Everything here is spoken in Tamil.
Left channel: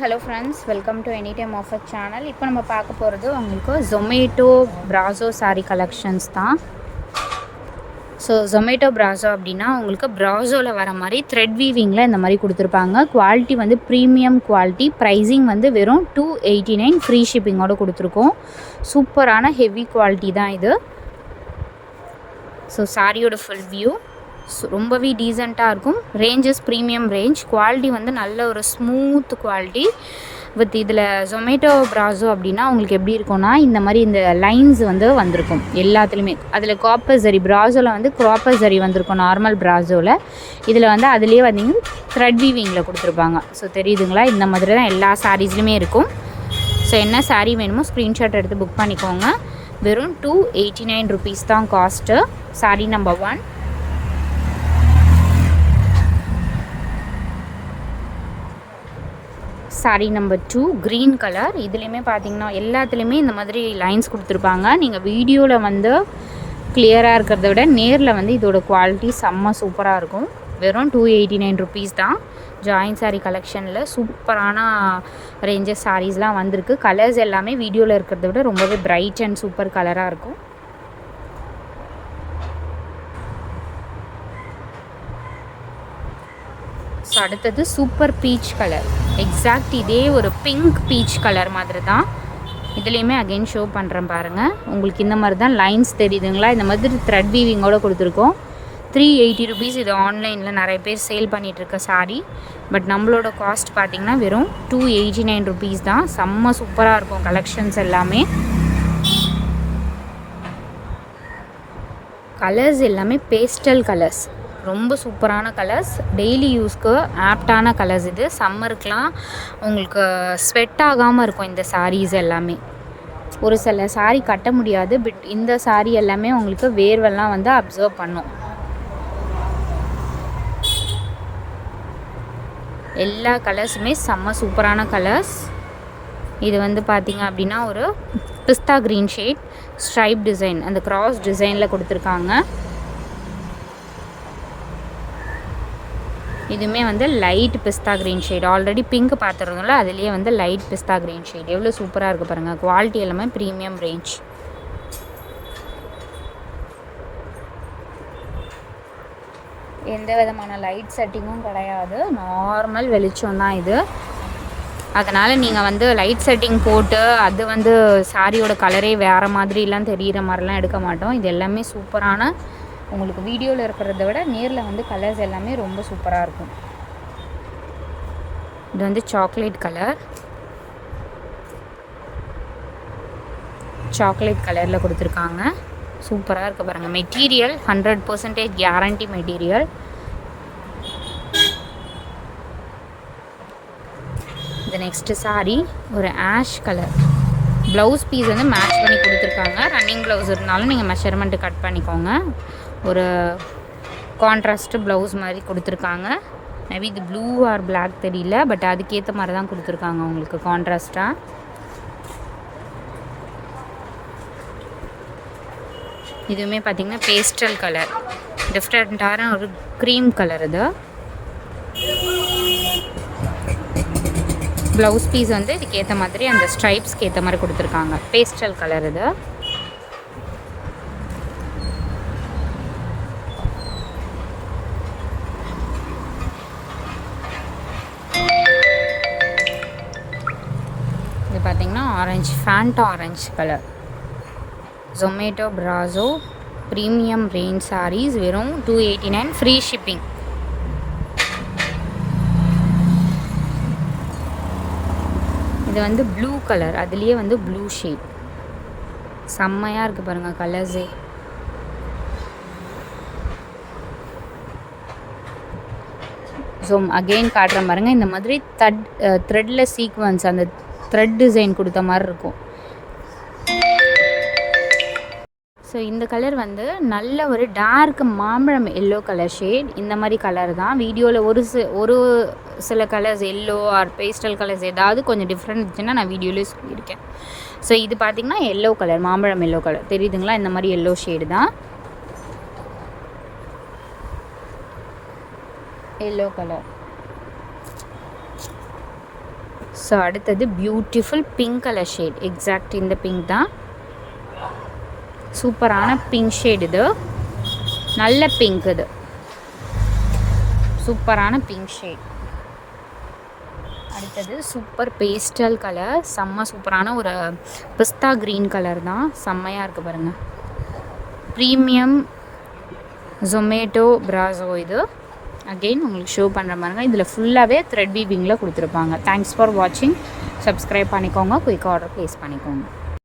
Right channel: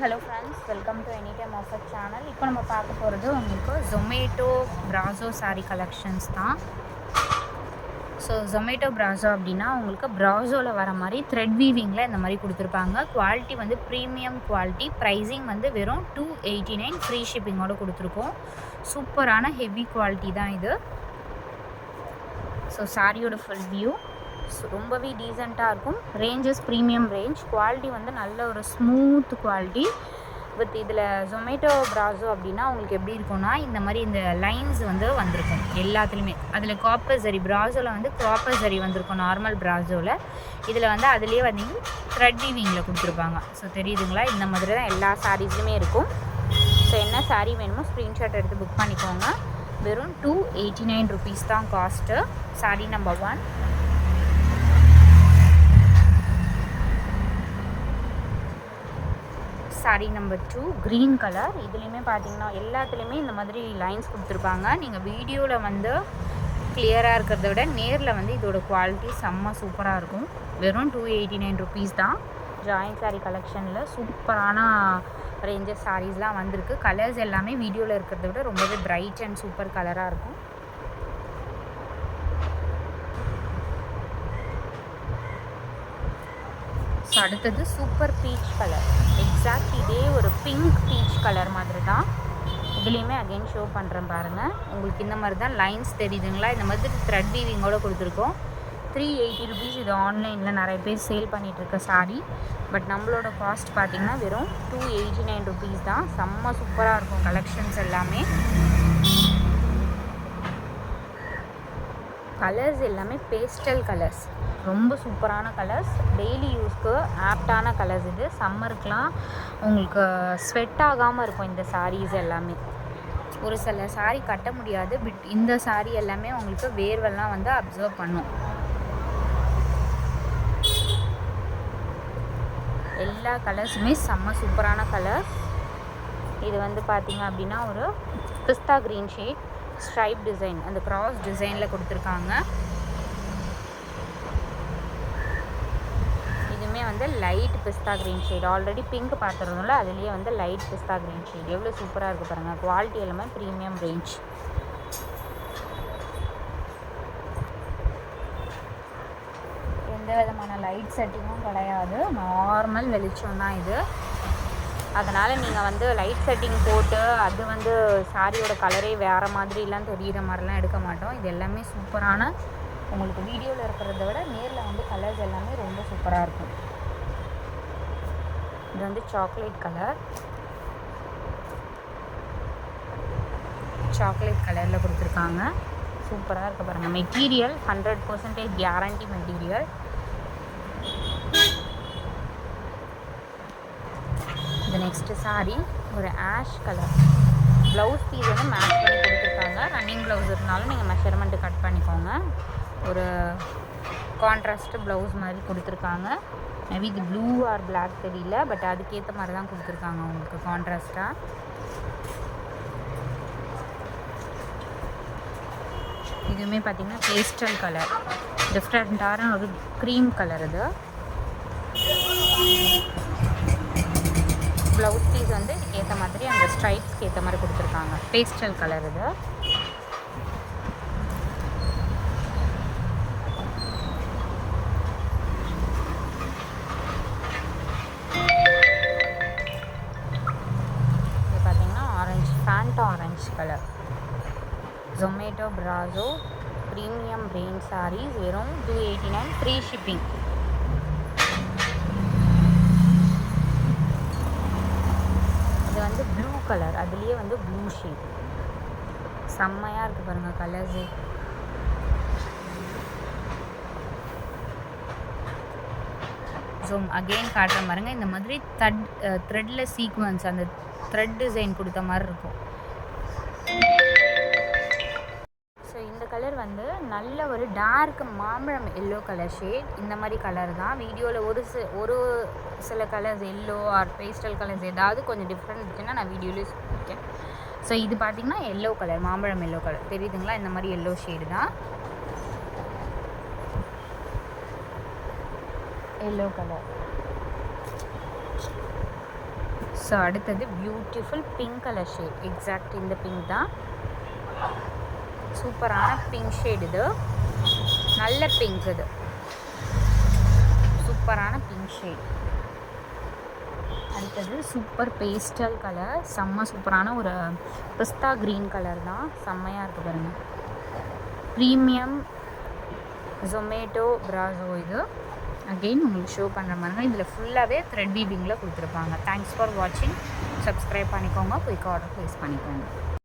Hello friends, welcome to any time offer channel. இப்போ நம்ம பார்க்க போகிறது உங்களுக்கு ஜொமேட்டோ ப்ராசோ சாரீ கலெக்ஷன்ஸ் தான். ஸோ ஜொமேட்டோ ப்ராசோ அப்படின்னா உங்களுக்கு ப்ராசோவில் வர மாதிரி த்ரெட் வீவிங்கில் இந்த மாதிரி கொடுத்துருப்பாங்க. குவாலிட்டி வந்து ப்ரீமியம் குவாலிட்டி. ப்ரைஸிங் வந்து வெறும் 289 ஃப்ரீ ஷிப்பிங்கோடு கொடுத்துருக்கோம். சூப்பரான ஹெவி குவாலிட்டி தான் இது. ஸோ சாரியோட ஃபுல் வியூ ரொம்பவே டீசெண்டாக இருக்கும். Ranges premium range. குவாலிட்டி வந்து நல்ல ஒரு ஸ்மூத் குவாலிட்டி வித் இதில் ஜொமேட்டோ ப்ராசோ அப்படின்னா உங்களுக்கு எப்படி இருக்கும்னா இந்த மாதிரி இந்த லைன்ஸ் வந்து வந்திருக்கும் எல்லாத்துலேயுமே. அதில் காப்பர் ஜரி ப்ராசோவில் வந்து காப்பர் ஜரி வந்திருக்கும் நார்மல் ப்ராசோவில். இதில் வந்து அதுலேயே வந்தீங்கன்னா த்ரெட் வீவிங்கில் கொடுத்துருப்பாங்க. ஸோ தெரியுதுங்களா, இந்த மாதிரி தான் எல்லா சாரீஸ்லையுமே இருக்கும். ஸோ என்ன சாரீ வேணுமோ ஸ்க்ரீன்ஷாட் எடுத்து புக் பண்ணிக்கோங்க. வெறும் 289 ருபீஸ் தான் cost. Sari number 1. Sari number 2 green colour. இதுலேயுமே பார்த்தீங்கன்னா எல்லாத்துலேயுமே இந்த மாதிரி லைன்ஸ் கொடுத்துருப்பாங்க. நீங்கள் வீடியோவில் வந்து கிளியராக இருக்கிறத விட நேரில் வந்து இதோட குவாலிட்டி செம்ம சூப்பராக இருக்கும். வெறும் 289 ருபீஸ் தான். ஜாயின் சாரீ கலெக்ஷனில் சூப்பரான ரேஞ்சஸ் சாரீஸ்லாம் வந்திருக்கு. கலர்ஸ் எல்லாமே வீடியோவில் இருக்கிறத விட ரொம்பவே பிரைட் அண்ட் சூப்பர் கலராக இருக்கும். ஸோ அடுத்தது சூப்பர் பீச் கலர். எக்ஸாக்ட் இதே ஒரு பிங்க் பீச் கலர் மாதிரி தான். இதுலேயுமே அகெயின் ஷோ பண்ணுறேன் பாருங்கள். உங்களுக்கு இந்த மாதிரி தான் லைன்ஸ் தெரியுதுங்களா, இந்த மாதிரி த்ரெட் வீவிங்கோடு கொடுத்துருக்கோம். 380 ருபீஸ். இது ஆன்லைனில் நிறைய பேர் சேல் பண்ணிகிட்ருக்க சாரீ. பட் நம்மளோட காஸ்ட் பார்த்திங்கன்னா வெறும் 289 ருபீஸ் தான். செம்ம சூப்பராக இருக்கும் கலெக்ஷன்ஸ் எல்லாமே. கலர்ஸ் எல்லாமே பேஸ்டல் கலர்ஸ், ரொம்ப சூப்பரான கலர்ஸ். டெய்லி யூஸ்க்கு ஆப்டான கலர்ஸ் இது. சம்மருக்கெலாம் உங்களுக்கு ஸ்வெட் ஆகாமல் இருக்கும் இந்த சாரீஸ் எல்லாமே. ஒரு சில சாரீ கட்ட முடியாது, பட் இந்த சாரீ எல்லாமே உங்களுக்கு வேர்வெல்லாம் வந்து அப்சர்வ் பண்ணும். எல்லா கலர்ஸுமே செம்ம சூப்பரான கலர்ஸ். இது வந்து பார்த்திங்க அப்படின்னா ஒரு பிஸ்தா க்ரீன் ஷேட் ஸ்ட்ரைப் டிசைன், அந்த கிராஸ் டிசைனில் கொடுத்துருக்காங்க. இதுவுமே வந்து லைட் பிஸ்தா க்ரீன் ஷேட். ஆல்ரெடி பிங்க் பார்த்துருந்தோம்ல, அதுலேயே வந்து லைட் பிஸ்தா க்ரீன் ஷேட். எவ்வளோ சூப்பராக இருக்குது பாருங்கள். குவாலிட்டி எல்லாமே ப்ரீமியம் ரேஞ்ச். எந்த விதமான லைட் செட்டிங்கும் கிடையாது, நார்மல் வெளிச்சம் தான் இது. அதனால் நீங்கள் வந்து லைட் செட்டிங் போட்டு அது வந்து சாரியோட கலரே வேறு மாதிரிலாம் தெரிகிற மாதிரிலாம் எடுக்க மாட்டோம். இது எல்லாமே சூப்பரான, உங்களுக்கு வீடியோவில் இருக்கிறத விட நேரில் வந்து கலர்ஸ் எல்லாமே ரொம்ப சூப்பராக இருக்கும். இது வந்து சாக்லேட் கலர். சாக்லேட் கலரில் கொடுத்துருக்காங்க. சூப்பராக இருக்குது பாருங்கள். Material 100% guarantee material. இது நெக்ஸ்ட்டு சாரீ ஒரு ஆஷ் கலர். ப்ளவுஸ் பீஸ் வந்து மேட்ச் பண்ணி கொடுத்துருக்காங்க. ரன்னிங் ப்ளவுஸ் இருந்தாலும் நீங்கள் மெஷர்மெண்ட்டு கட் பண்ணிக்கோங்க. ஒரு கான்ட்ராஸ்ட்டு ப்ளவுஸ் மாதிரி கொடுத்துருக்காங்க. மேபி இது ப்ளூ ஆர் பிளாக் தெரியல, பட் அதுக்கேற்ற மாதிரி தான் கொடுத்துருக்காங்க உங்களுக்கு கான்ட்ராஸ்ட்டாக. இதுவுமே பார்த்திங்கன்னா பேஸ்டல் கலர், டிஃப்ரெண்ட்டான ஒரு க்ரீம் கலர். இது ப்ளவுஸ் பீஸ் வந்து இதுக்கேற்ற மாதிரி அந்த ஸ்ட்ரைப்ஸ்க்கு ஏற்ற மாதிரி கொடுத்துருக்காங்க. பேஸ்டல் கலர் இது. Orange, Fanta orange colour. Zomato ப்ராசோ ப்ரீமியம் ரேஞ்ச் சாரீஸ் வெறும் 289 ஃப்ரீ ஷிப்பிங். இது வந்து ப்ளூ கலர், அதுலேயே வந்து ப்ளூ ஷேட். செம்மையாக இருக்குது பாருங்கள் கலர்ஸே. ஸோ அகெயின் காட்டுற பாருங்கள். இந்த மாதிரி த்ரெட்டில் சீக்வன்ஸ், அந்த த்ரெட் டிசைன் கொடுத்த மாதிரி இருக்கும். ஸோ இந்த கலர் வந்து நல்ல ஒரு டார்க் மாம்பழம் எல்லோ கலர் ஷேட். இந்த மாதிரி கலர் தான் வீடியோவில் ஒரு சில colours yellow R pastel colours ஏதாவது கொஞ்சம் டிஃப்ரெண்ட் இருந்துச்சுன்னா நான் வீடியோவிலே சொல்லியிருக்கேன். ஸோ இது பார்த்திங்கன்னா எல்லோ கலர், மாம்பழம் எல்லோ கலர் தெரியுதுங்களா, இந்த மாதிரி எல்லோ ஷேடு தான். எல்லோ கலர் ஸோ அடுத்தது beautiful pink colour shade, exact இந்த பிங்க் தான். சூப்பரான பிங்க் ஷேட் இது, நல்ல பிங்க் இது, சூப்பரான பிங்க் ஷேட். அடுத்தது சூப்பர் பேஸ்டல் கலர், செம்ம சூப்பரான ஒரு பிஸ்தா க்ரீன் கலர் தான், செம்மையாக இருக்குது பாருங்கள். ப்ரீமியம் ஜொமேட்டோ பிராசோ இது. அகெயின் உங்களுக்கு ஷோ பண்ணுற மாதிரி இதில் ஃபுல்லாகவே த்ரெட் வீவிங்கில் கொடுத்துருப்பாங்க. தேங்க்ஸ் ஃபார் வாட்சிங். சப்ஸ்கிரைப் பண்ணிக்கோங்க, குயிக்காக ஆர்டர் ப்ளேஸ் பண்ணிக்கோங்க.